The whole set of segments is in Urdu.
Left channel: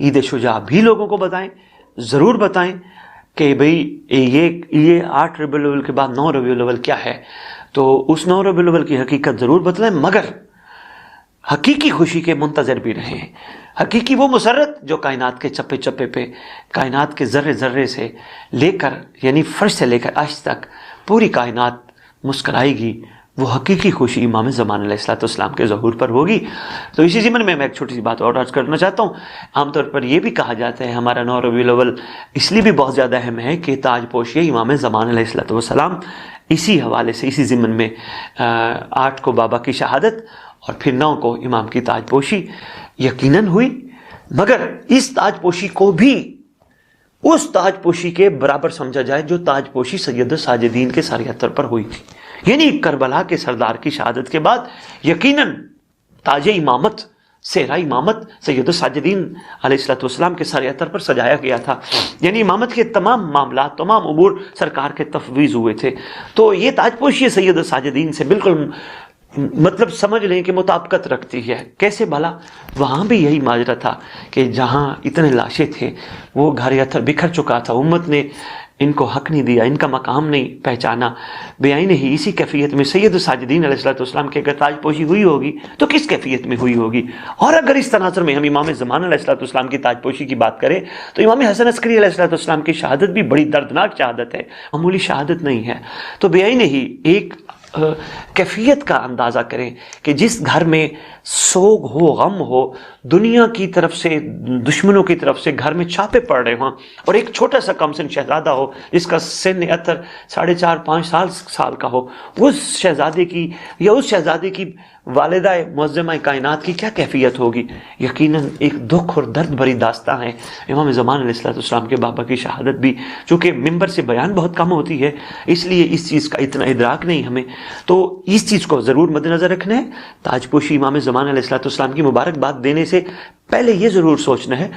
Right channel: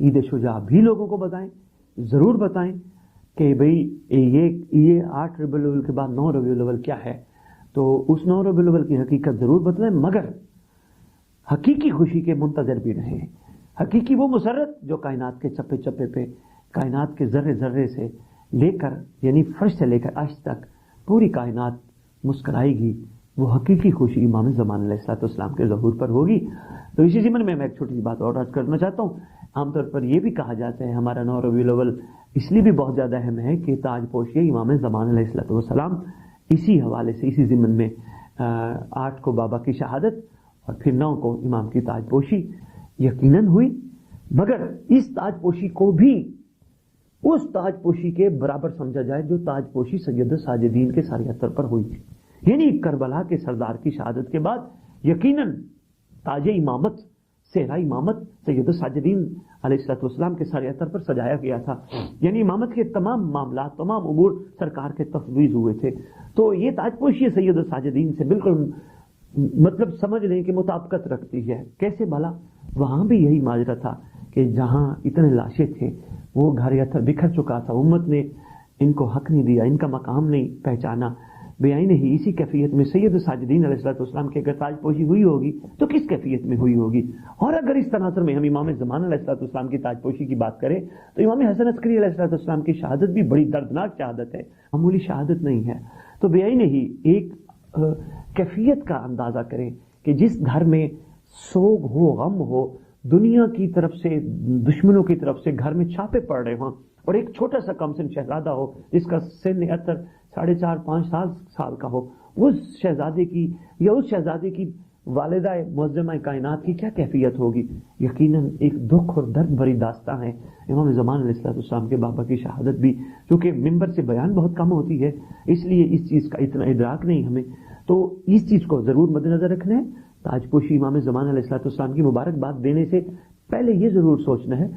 عید شجاع بھی لوگوں کو بتائیں، ضرور بتائیں کہ بھئی یہ 8 ربیع الاول کے بعد 9 ربیع الاول کیا ہے، تو اس 9 ربیع الاول کی حقیقت ضرور بتلائیں، مگر حقیقی خوشی کے منتظر بھی رہیں۔ حقیقی وہ مسرت جو کائنات کے چپے چپے پہ، کائنات کے ذرے ذرے سے لے کر، یعنی فرش سے لے کر عرش تک پوری کائنات مسکرائے گی، وہ حقیقی خوشی امام زمان علیہ السلام کے ظہور پر ہوگی۔ تو اسی ضمن میں ایک چھوٹی سی بات اور عرض کرنا چاہتا ہوں۔ عام طور پر یہ بھی کہا جاتا ہے ہمارا 9 ربیع الاول اس لیے بھی بہت زیادہ اہم ہے کہ تاج پوشی امام زمان علیہ السلام، اسی حوالے سے اسی ضمن میں 8 کو بابا کی شہادت اور پھر 9 کو امام کی تاج پوشی یقیناً ہوئی، مگر اس تاج پوشی کو بھی اس تاج پوشی کے برابر سمجھا جائے جو تاج پوشی سید الساجدین کے سر اتر پر ہوئی تھی، یعنی کربلا کے سردار کی شہادت کے بعد یقیناً تاج امامت، صحرا امامت سید الساجدین علیہ السلام کے سر اتر پر سجایا گیا تھا، یعنی امامت کے تمام معاملات، تمام امور سرکار کے تفویض ہوئے تھے۔ تو یہ تاج پوشی سید الساجدین سے بالکل مطلب سمجھ لیں کہ مطابقت رکھتی ہے۔ کیسے بھلا؟ وہاں بھی یہی ماجرا تھا کہ جہاں اتنے لاشیں تھے، وہ گھر اتر بکھر چکا تھا، امت نے ان کو حق نہیں دیا، ان کا مقام نہیں پہچانا، بیائی نہیں۔ اسی کیفیت میں سید الساجدین علیہ السلام کی اگر تاج پوشی ہوئی ہوگی تو کس کیفیت میں ہوئی ہوگی؟ اور اگر اس تناظر میں ہم امام زمان علیہ السلام کی تاج پوشی کی بات کریں تو امام حسن عسکری علیہ السلام کی شہادت بھی بڑی دردناک شہادت ہے، معمولی شہادت نہیں ہے۔ تو بیائی نہیں ایک کیفیت کا اندازہ کریں کہ جس گھر میں سوگ ہو، غم ہو، دنیا کی طرف سے، دشمنوں کی طرف سے گھر میں چھاپے پڑ رہے ہوں، اور ایک چھوٹا سا کم سن شہزادہ ہو جس کا سن اتر 4.5-5 سال کا ہو، اس شہزادے کی یا اس شہزادے کی والدہ معظمہ کائنات کی کیا کیفیت ہوگی؟ یقیناً ایک دکھ اور درد بھری داستان ہے۔ امام زمان علیہ السلام کے بابا کی شہادت بھی، چونکہ ممبر سے بیان بہت کم ہوتی ہے، اس لیے اس چیز کا اتنا ادراک نہیں ہمیں، تو اس چیز کو ضرور مد نظر رکھنا ہے۔ تاج پوشی امام زمان علیہ السلام کی مبارکباد دینے سے پہلے یہ ضرور سوچنا ہے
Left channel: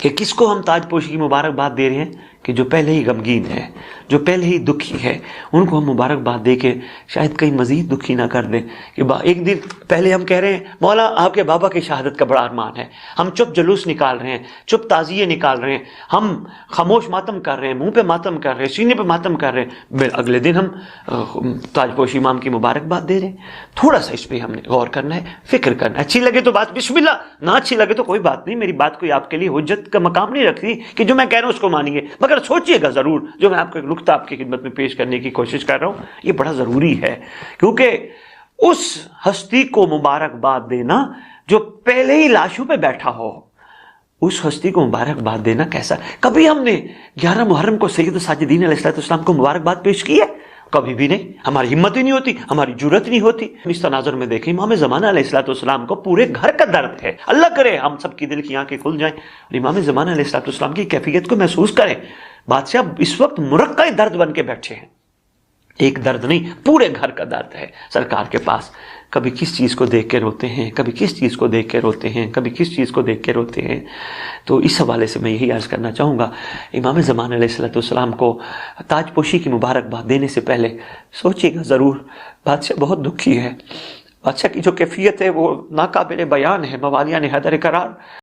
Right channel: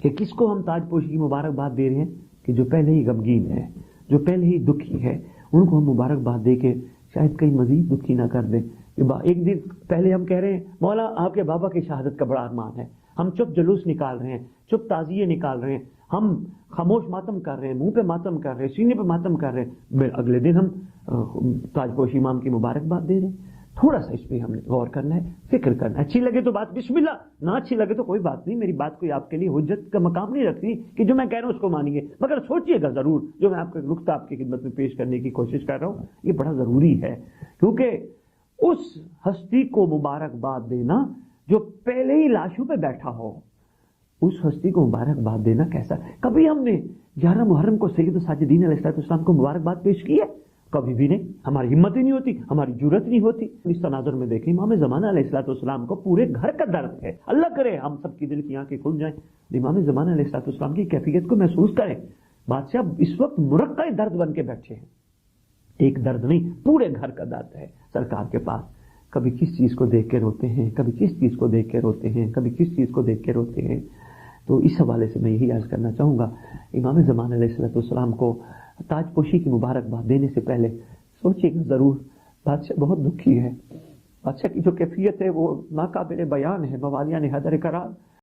کہ کس کو ہم تاج پوشی کی مبارکباد دے رہے ہیں، کہ جو پہلے ہی غمگین ہے، جو پہلے ہی دکھی ہے، ان کو ہم مبارکباد دے کے شاید کہیں مزید دکھی نہ کر دیں کہ ایک دن پہلے ہم کہہ رہے ہیں مولا آپ کے بابا کی شہادت کا بڑا ارمان ہے، ہم چپ جلوس نکال رہے ہیں، چپ تعزیے نکال رہے ہیں، ہم خاموش ماتم کر رہے ہیں، منہ پہ ماتم کر رہے ہیں، سینے پہ ماتم کر رہے ہیں، اگلے دن ہم تاج پوشی امام کی مبارکباد دے رہے ہیں۔ تھوڑا سا اس پہ ہم نے غور کرنا ہے، فکر کرنا ہے۔ اچھی لگے تو بات بسم اللہ، نہ اچھی لگے تو کوئی بات نہیں، میری بات کوئی آپ کے لیے حجت کا مقام نہیں رکھتی کہ جو میں کہہ رہا ہوں اس کو مانیے، مگر سوچئے گا ضرور۔ جو میں آپ کو ایک نکتہ آپ کی خدمت میں پیش کرنے کی کوشش کر رہا ہوں، یہ بڑا ضروری ہے، کیونکہ اس ہستی کو مبارکباد دینا جو پہلے ہی لاشوں پہ بیٹھا ہو، اس ہستی کو مبارکباد دینا کیسا؟ کبھی ہم نے 11 محرم کو سید الساجدین علیہ السلام کو مبارکباد پیش کی ہے؟ کبھی بھی نہیں، ہماری ہمت ہی نہیں ہوتی، ہماری جرت نہیں ہوتی۔ اس تناظر میں دیکھیں امام زمانہ علیہ السلام کو پورے گھر کا درد ہے، اللہ کرے ہم سب کی دل کی آنکھیں کھل جائیں اور امام زمانہ علیہ السلام کی کیفیت کو محسوس کریں۔ بادشاہ اس وقت مرقع درد بن کے بیٹھے ہیں، ایک درد نہیں، پورے گھر کا درد ہے سرکار کے پاس۔ کبھی کس چیز کو دیکھ کے روتے ہیں، کبھی کس چیز کو دیکھ کے روتے ہیں، کبھی کس چیز کو دیکھ کے روتے ہیں۔ تو اس حوالے سے میں یہی عرض کرنا چاہوں گا، امام زمان علیہ السلام کو تاج پوشی کی مبارکباد دینے سے پہلے سوچیے گا ضرور۔ بادشاہ بہت دکھی ہے، بادشاہ کی جو کیفیت ہے وہ ناقابل بیان ہے، موالیان حیدر قرار